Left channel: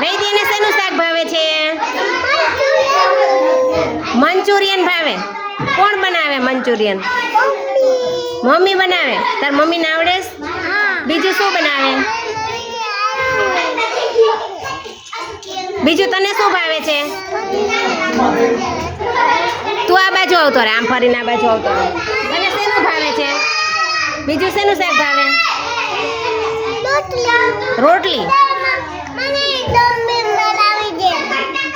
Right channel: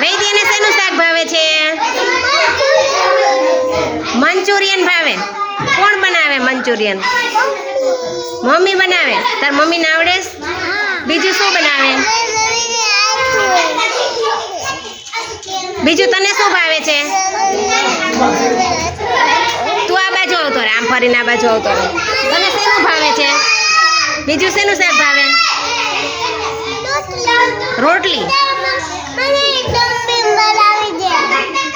વૈદ્યને શેનું શાક ભાવે છે? મંચુરિયન ભાવે. કોણ બનાવે મંચુરિયન? મમ્મી બનાવે. તાર મમ્મીને આવડે? બીજું શું બનાવે? બીજું તને શું ભાવે છે? તું આ બાજુ આવતો રે, આમ ફરીને આ બાજુ આવતો રે. તને શેનું ભાવે છે? બીજું શેનું શાક ભાવે? રોટલી.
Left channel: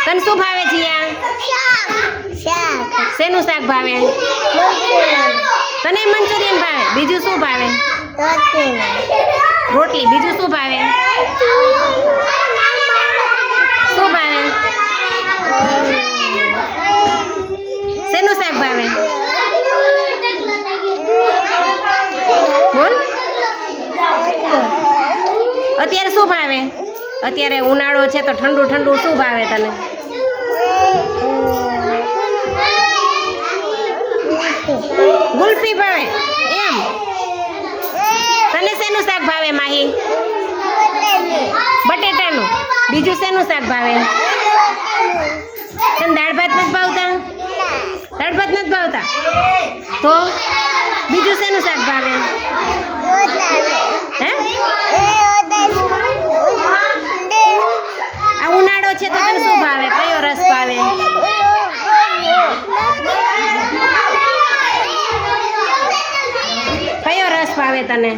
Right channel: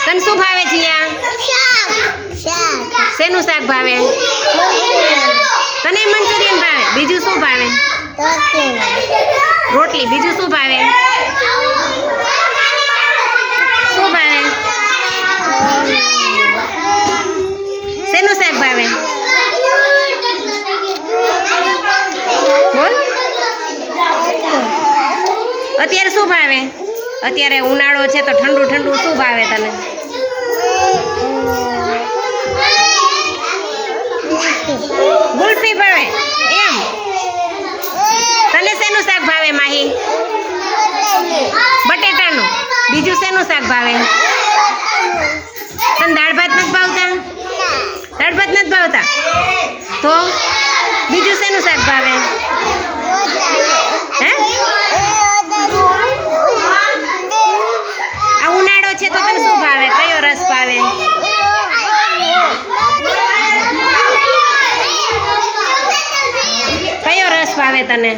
તને શું ભાવે છે? શેનું શાક ભાવે? તને મંચુરિયન ભાવે. બીજું શું ભાવે? રોટલી. બીજું શું ભાવે? શું ભાવે? શેનું શાક ભાવે? બોલ. અત્યારે શું ભાવે? અત્યારે ઉનાળો છે તો ઠંડુ ઠંડુ શું ભાવે તને? ગુલ્ફી ભાવે. એમ. તને શેનું શાક ભાવે માહી? બટેટાનું. બીજું શેનું શાક ભાવે? તને દાળ ભાત નથી ભાવતા? દાળ ભાત નથી ભાવતા તો બીજું શેનું શાક ભાવે? હે? આ ઉનાળો છે તો તને શું ભાવે? કયો રસ ભાવે? કયો રસ ભાવે તને?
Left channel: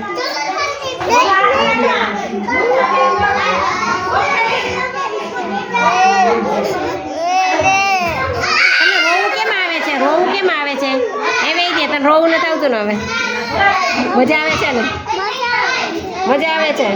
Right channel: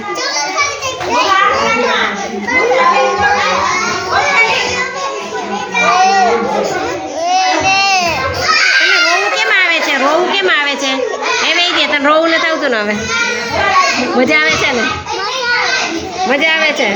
તને રોવું કેમ આવે છે? રોવું કેમ આવે છે? એ વહી દે. તને રોવું નથી આવતું ને હવે? મજા આવે છે ને? મજા આવે છે.